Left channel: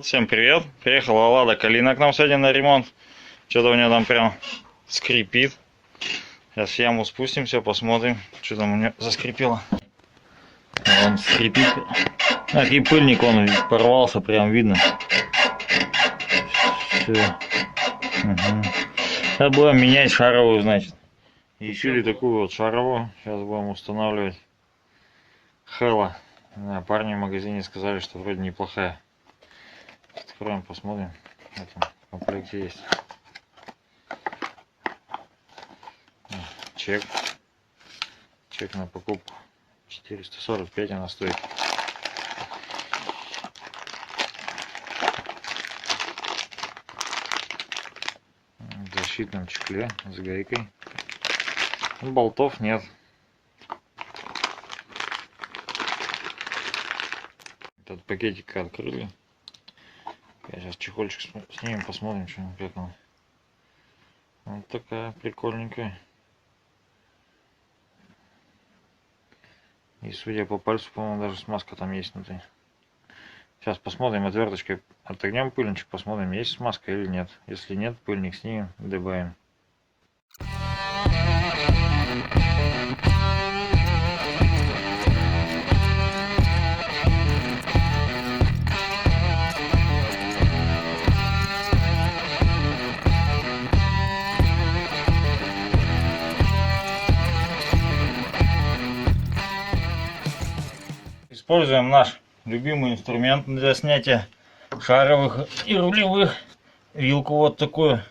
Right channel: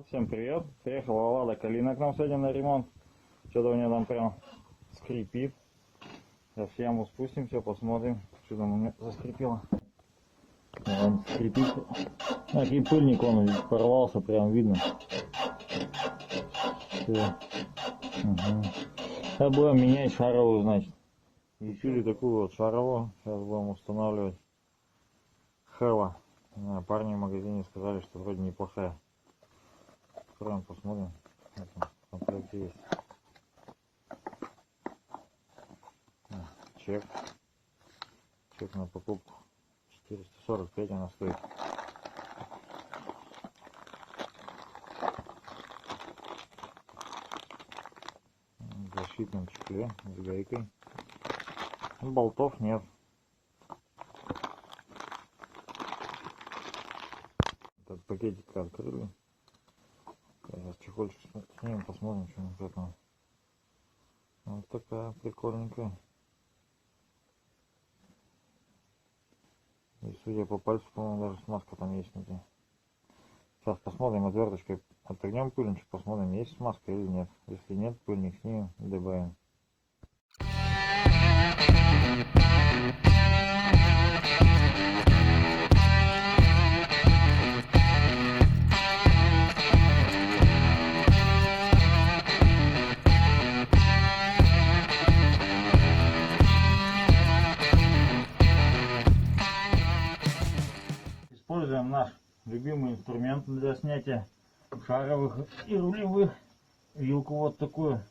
Вот, всем привет. Приехала Лада Калина к нам сегодня на ремонт. Что-то у нее там прям скрипит. Сейчас в яму спустимся, посмотрим, что там у нее заскрипело. Он скрипит. Так, и пыльник он порвался, прям видно. Все. Угу. Сейчас будем менять шаровую, значит. Решили такую вот шаровую. Сейчас будем устанавливать. Хэлла. Да, парни в магазине сказали, что вроде неплохая. Откроем, посмотрим. В этом комплекте есть. Чек. Чек на покупку. 445 она стоит. В защитном чехле с гайкой. Болтов нет. Этот пакетик открыли. Сейчас чехольчик снимем, посмотрим, что как он. Вот такая прикольненькая. И судя по пальцу, по-моему, даже смазка там есть внутри. Сейчас посмотрим, отверточкой отогнем пыльничек, посмотрим, есть смазка или нет. Если нет, пыльник снимем и добавим. Используем наш любимый инструмент для снятия шаровых и рулевых. Вилку вот такую.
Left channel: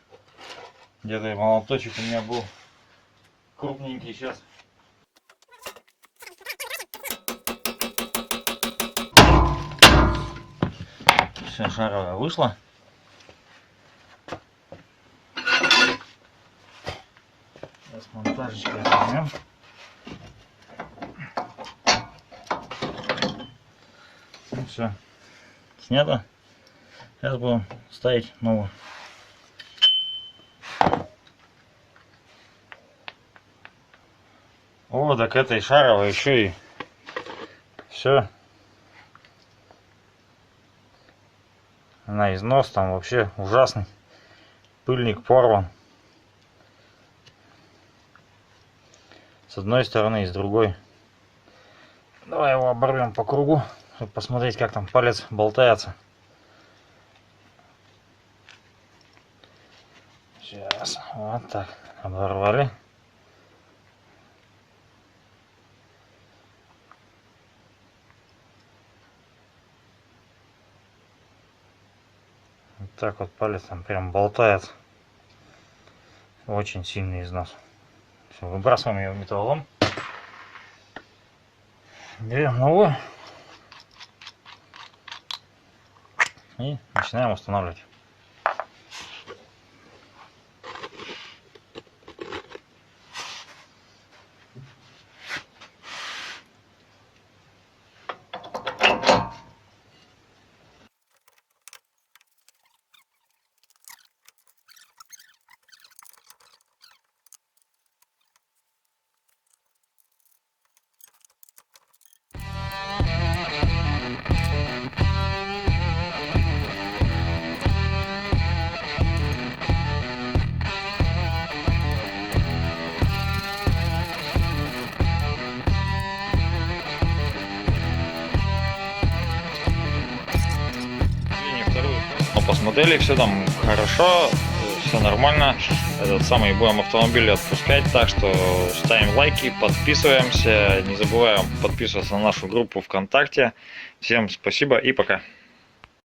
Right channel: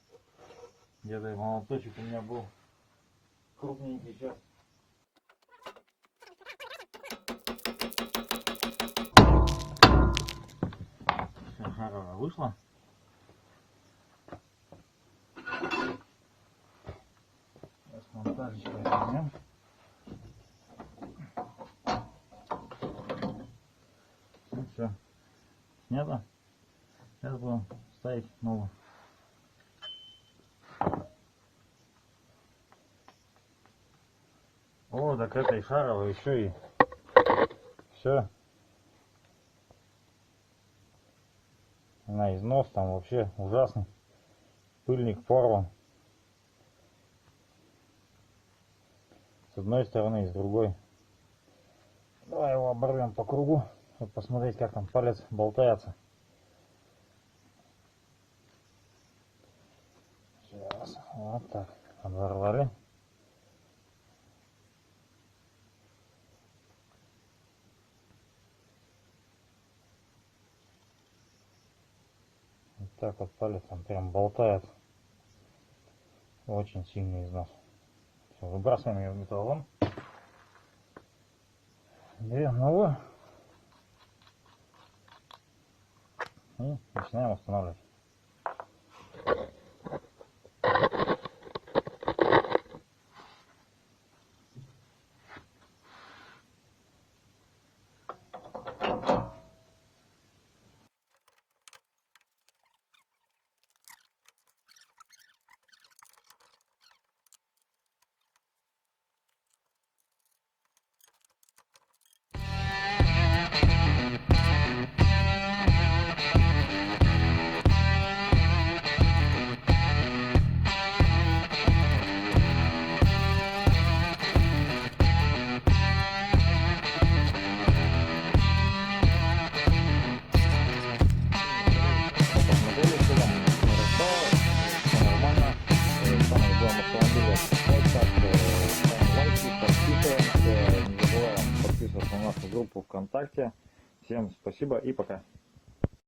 Где-то молоточек у меня был крупненький сейчас. Все, шаровая вышла. Сейчас монтажечкой возьмем. Все снято. Сейчас будем ставить новую. О, так этой шаровой еще и все. На износ там вообще ужасный. Пыльник порван. С одной стороны и с другой. Давай его оборвем по кругу, чтобы посмотреть, как там палец болтается. Сейчас, вот так, оборвали. Вот так вот палец там прям болтается. Очень сильный износ. Все, выбрасываем ее в металлолом. Берем новую и начинаем устанавливать. Посмотрели, все там хорошо, все нормально. Этот самый будем автомобиль отпускать, так что ставим лайки, подписываемся, не забываем подписываться на нашу группу ВКонтакте. Всем спасибо и пока.